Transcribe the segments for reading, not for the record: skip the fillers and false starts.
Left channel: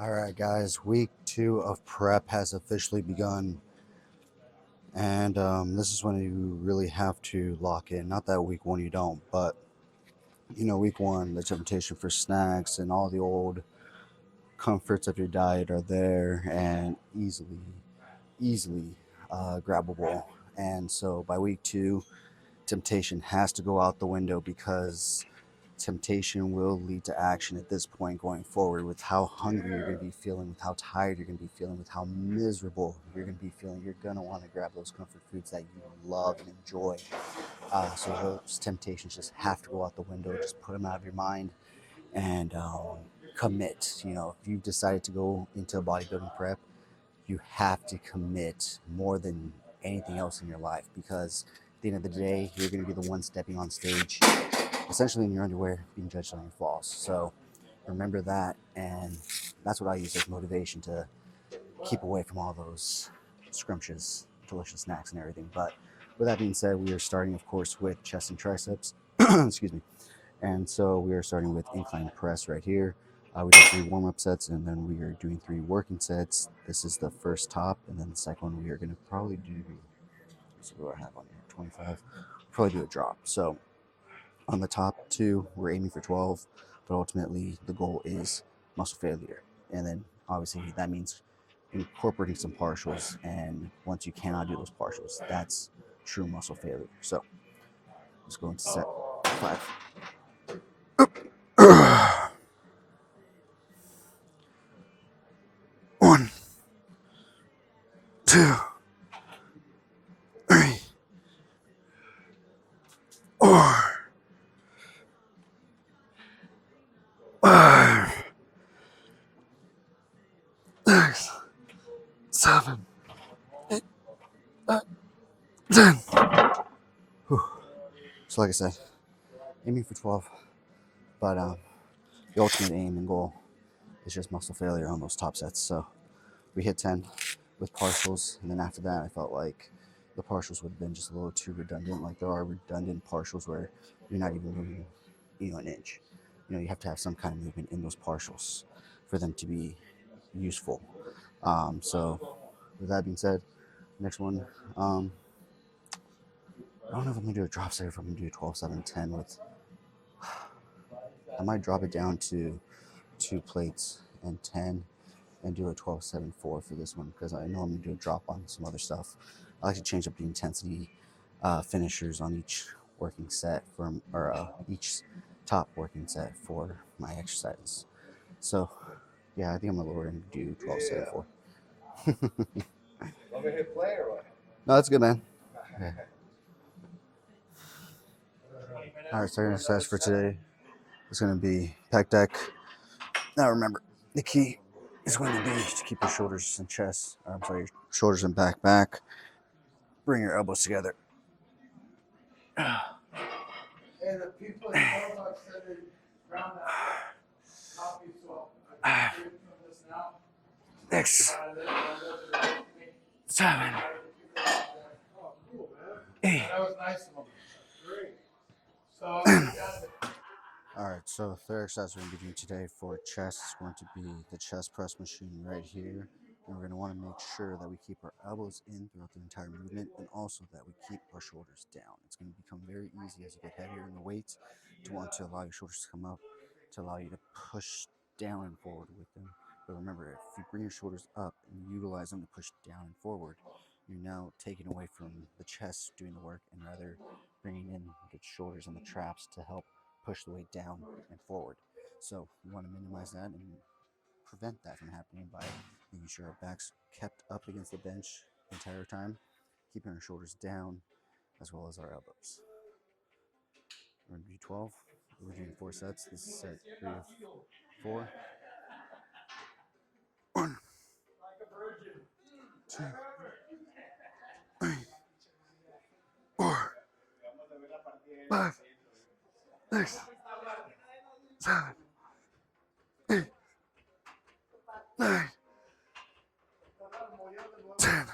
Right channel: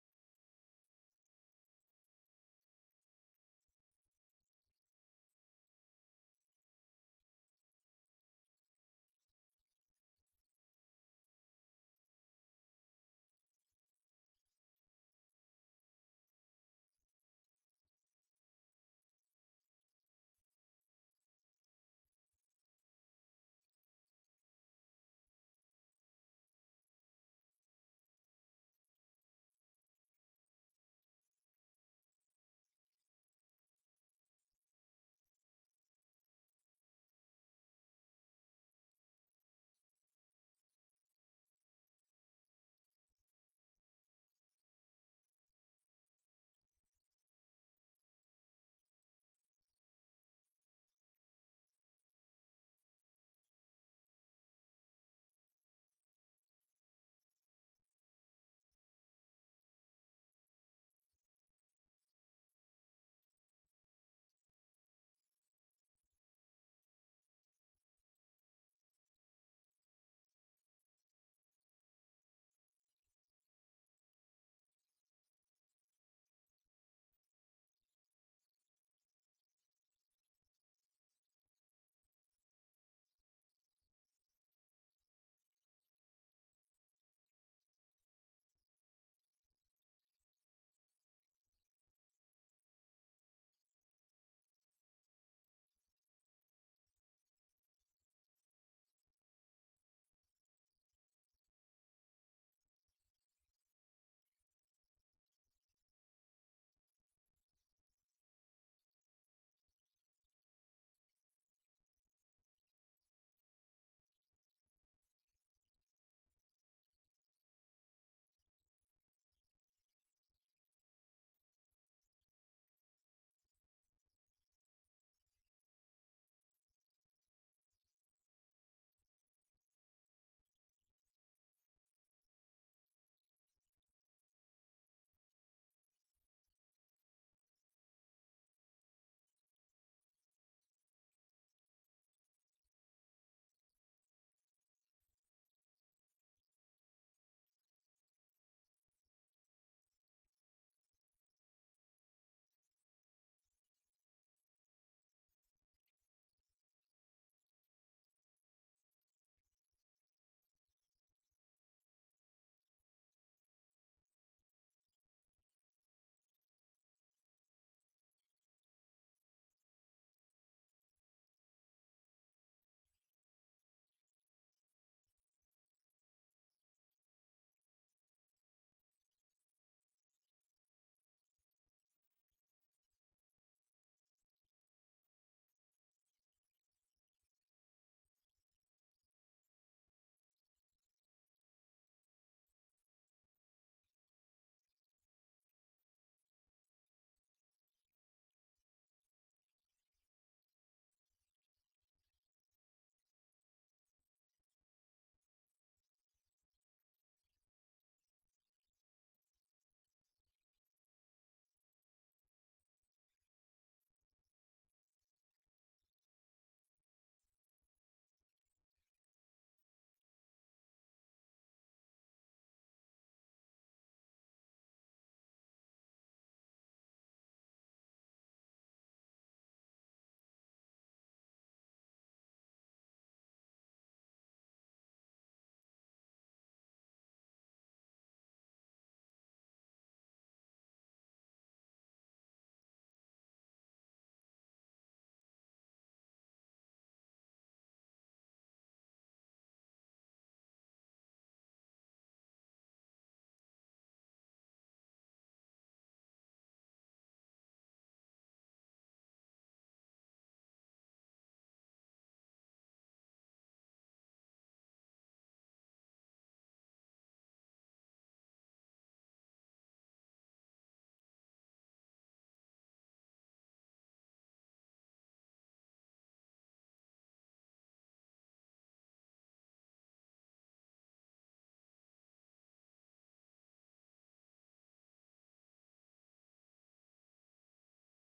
All right, guys, week 2 of prep has officially begun. And this is when you really have to lock in. Not that week 1 you don't, but week 1, the temptation for snacks and all the old comforts of your diet are there and easily grabbable. And so by week 2, temptation has to go out the window because temptation will lead to action at this point going forward with how hungry you're going to be feeling, with how tired you're going to be feeling, with how miserable you're going to be feeling. You're going to want to grab those comfort foods that you love and enjoy. So those temptations just have to go out the window. Just put them out of your mind and commit. If you've decided to go into a bodybuilding prep, you have to commit more than anything else in your life because at the end of the day, you're going to be the one stepping on stage essentially in your underwear being judged on your flaws. So remember that, and that's what I use as motivation to keep away from all those scrumptious, delicious snacks and everything. But with that being said, we are starting, of course, with chest and triceps. Excuse me. And so we are starting with incline press right here. We did 3 warm-up sets, and then we are doing 3 working sets. This is the first top, and then the second one we are going to probably do. So what do I have on here? 25. Probably do a drop. So on the top 2, we're aiming for 12, but ultimately the goal is muscle failure. And then obviously that means incorporating some partials. And once you cannot do those partials, that's true muscle failure. So let's go into set 5. 1, 2, 3, 4, 5, 6, 7, 8, 9, 10. Whew. So like I said, aiming for 12, but the ultimate aim and goal is just muscle failure on those top sets. So we hit 10 with partials, and then after that, I felt like the partials would have been just a little too redundant. Like there are redundant partials where you're not even moving, an inch. You have to have some kind of movement in those partials for them to be useful. So with that being said, next one, I don't know if I'm gonna do a drop set or if I'm gonna do a 12, 7, 10 with. I might drop it down to 2 plates and 10 and do a 12, 7, 4 for this one because I know I'm going to do a drop on some other stuff. I like to change up the intensity finishers on each working set or each top working set for my exercises. So, yeah, I think I'm going to lower and do 12, 7, 4. Want me to hit play or what? No, that's good, man. Okay. All right, starting exercise for today is going to be pec deck. Now remember, the key is going to be to keep your shoulders and chest, your shoulders and back. Bring your elbows together. And the people in Starbucks said they found that copy, so I'm from this now. 6, 7, 8. That was nice of them. Great. So, All right, so the third exercise we're going to be doing today for chest is going to be the chest press machine right here. And we're going to want to make sure that we keep our elbows in throughout the entire movement and also that we keep our shoulders down. It's going to become very easy as you get heavier in the weights to want to allow your shoulders to come up, to allow you to push down and forward with them. But remember, if you bring your shoulders up and utilize them to push down and forward, you're now taking away from the chest doing the work and rather bringing in the shoulders and the traps to help push the weight down and forward. So we want to minimize that and prevent that from happening by making sure our back's kept up against the bench the entire time, keeping our shoulders down as well as our elbows. We're going to do 12. We're doing 4 sets. This is set 3 of 4. 1, 2, 3, 4, 5, 6, 7, 8, 9, 10.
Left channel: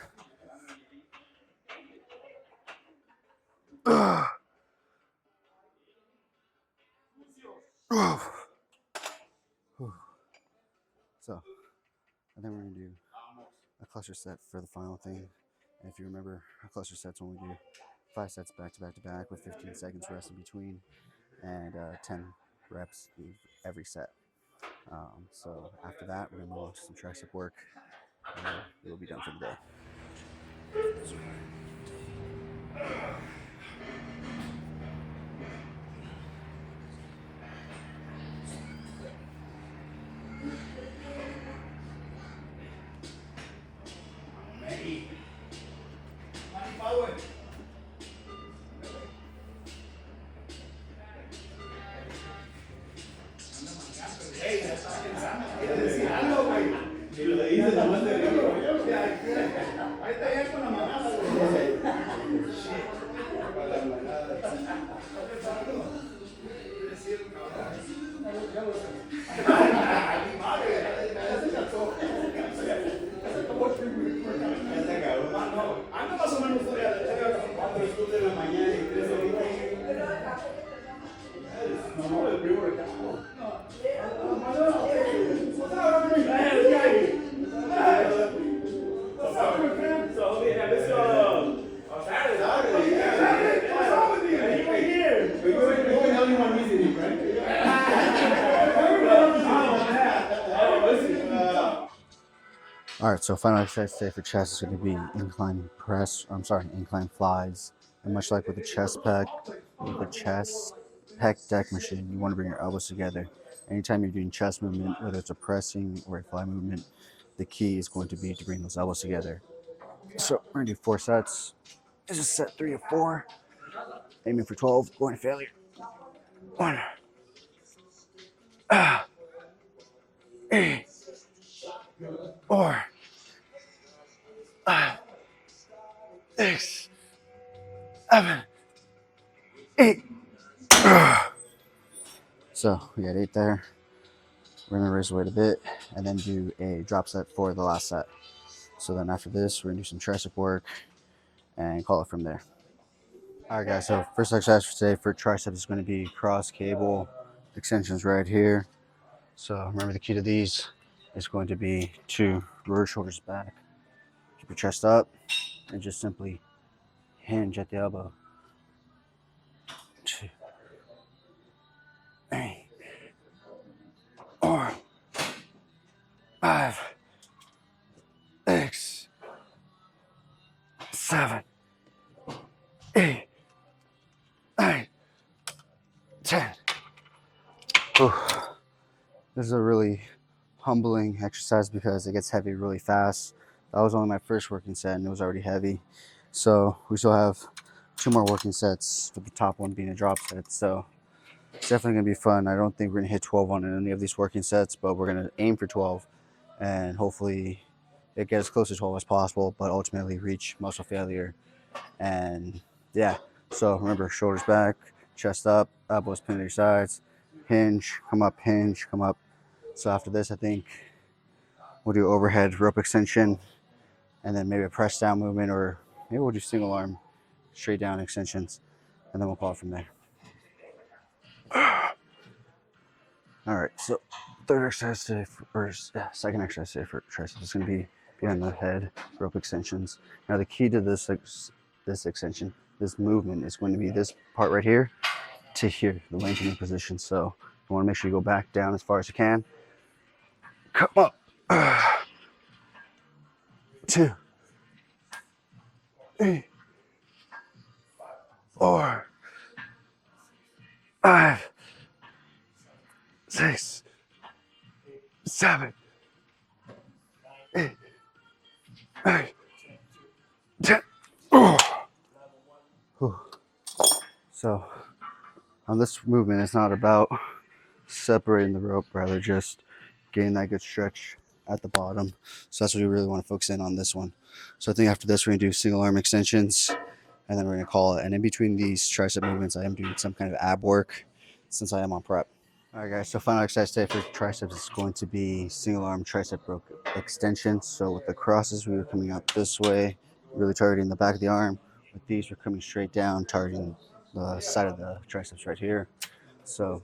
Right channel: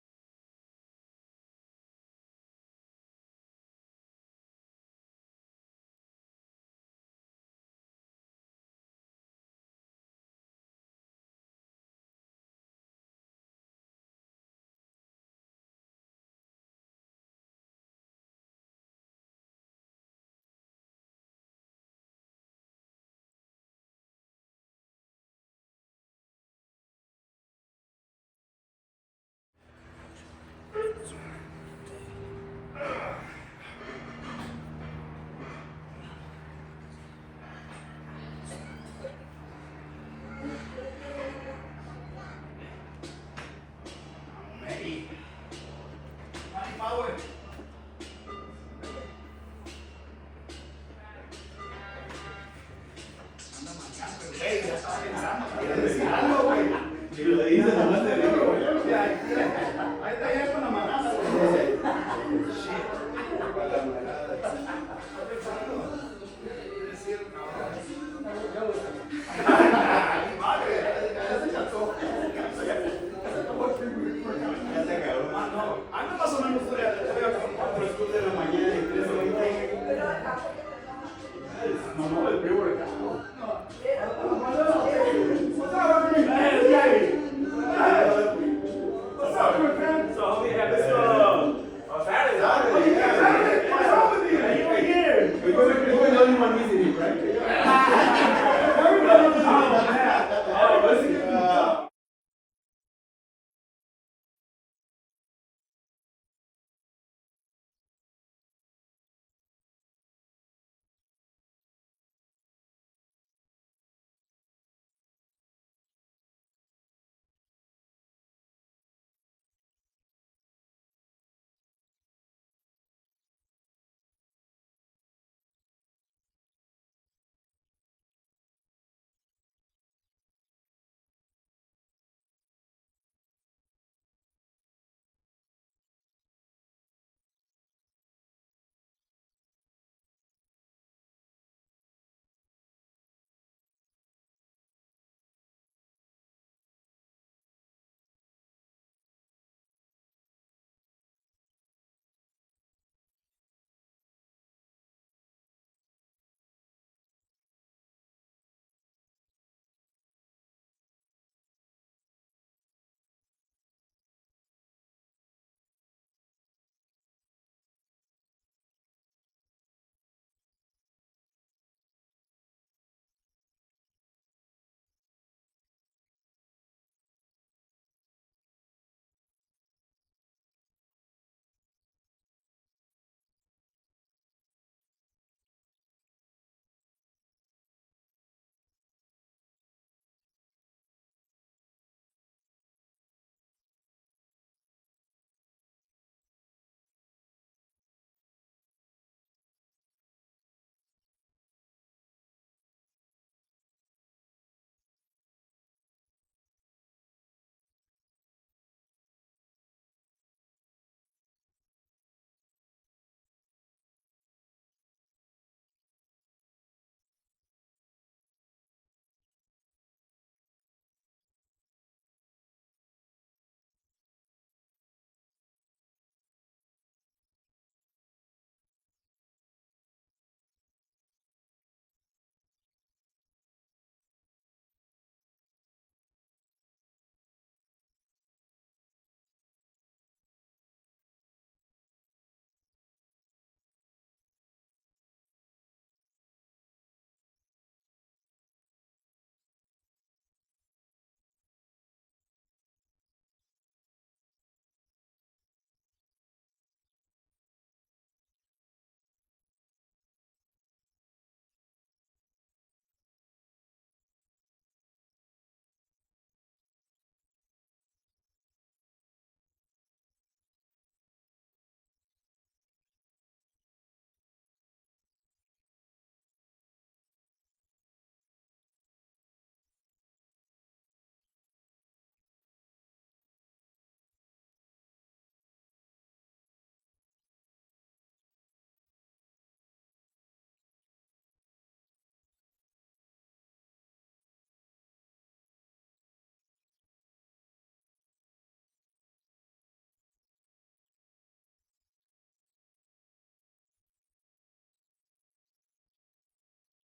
Uh, 12. So And then we're going to do a cluster set for the final thing. And if you remember, our cluster sets when we do 5 sets back to back to back with 15 seconds rest in between and 10 reps every set. So after that, we're going to move on to some tricep work and we'll be done for the day. All right, so final exercise today for chest is going to be incline press. Incline flies. And much like with the chest pec deck machine, you want to bring your elbows together. Anytime you're doing chest movement, whether it's a pressing or a fly movement, the key is going to be to bring those elbows together. So we're going to do 4 sets. This is set 3 of 4. Aiming for 12, going to failure. 1, 8, 4, 5, 6, 7, 8. So we got 8 there. We're going to raise the weight a bit and then do a drop set for the last set. So then after this, we're going to do some tricep work and call it from there. All right, guys. So first exercise for today for tricep is going to be cross cable extensions right here. So remember, the key to these is going to be to roll your shoulders back, keep your chest up, and just simply hinge at the elbow. 2, 3, 4, 5, 6, 7, 8, 9, 10. Ooh. This is a really humbling exercise because it gets heavy really fast. That was only my first working set and it was already heavy. So we still have 2 more working sets, with the top one being a drop set. So it's definitely going to be fun. I don't think we're going to hit 12 on any of these working sets, but we're going to aim for 12 and hopefully it gets as close to 12 as possible, but ultimately reach muscle failure. And yeah, so remember, shoulders back, chest up, elbows pinned to your sides, hinge, come up, hinge, come up. So after this, I think we'll do overhead rope extension and then maybe a press down movement, or maybe we'll do single arm straight down extensions and then we'll call it from there. All right, so third exercise today, second exercise today for triceps is going to be behind the head rope extensions. Now the key to this extension, this movement, is going to be this part right here to here, the lengthening position. So you want to make sure you go back down as far as you can. Come up. 2, 3, 4, 5, 6, 7, 8, 9, 10. So on this movement, it's not about separating the rope, rather just getting that good stretch at the bottom. So that's what we really want to focus in on this one. So I think after this, we're going to do single arm extensions and then we're going to call it. And in between these tricep movements, I am doing some kind of ab work since I am on prep. All right, guys, so final exercise today for triceps is going to be single arm tricep rope extensions. So with the crosses, we were coming out this way, really targeting the back of the arm. With these, we're coming straight down, targeting the side of the triceps right here. So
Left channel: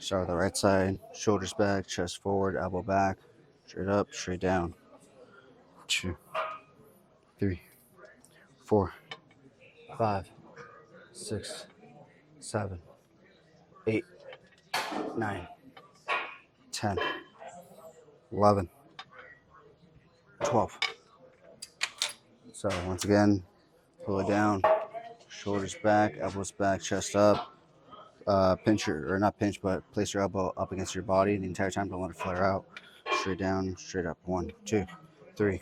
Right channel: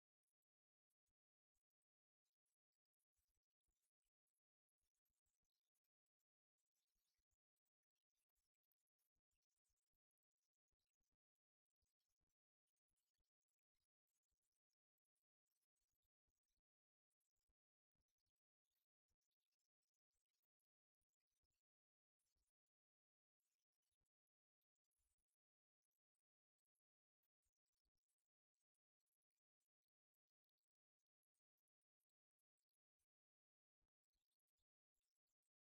start with the right side, shoulders back, chest forward, elbow back, straight up, straight down. 2, 3, 4, 5, 6, 7, 8, 9, 10, 11, 12. So once again, pull it down, shoulders back, elbows back, chest up. Pinch or not pinch, but place your elbow up against your body the entire time. Don't let it flare out. Straight down, straight up. 1, 2, 3,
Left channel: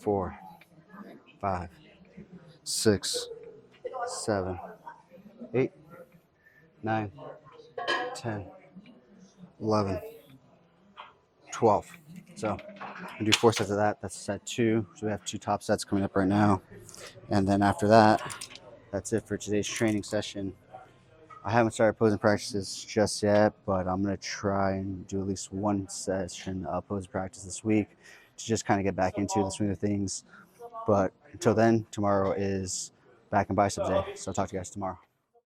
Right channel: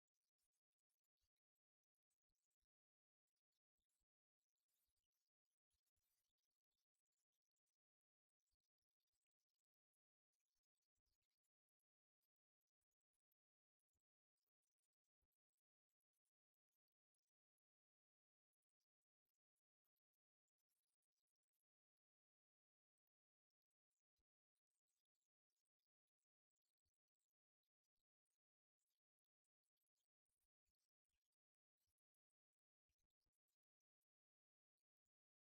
4, 5, 6, 7, 8, 9, 10, 11, 12. So I do 4 sets of that. That's set 2. So we have 2 top sets coming up right now. And then after that, that's it for today's training session. I haven't started posing practices just yet, but I'm going to try and do at least 1 session of posing practice this week to just kind of get back into the swing of things. But until then, tomorrow is back and biceps day. So I'll talk to you guys tomorrow.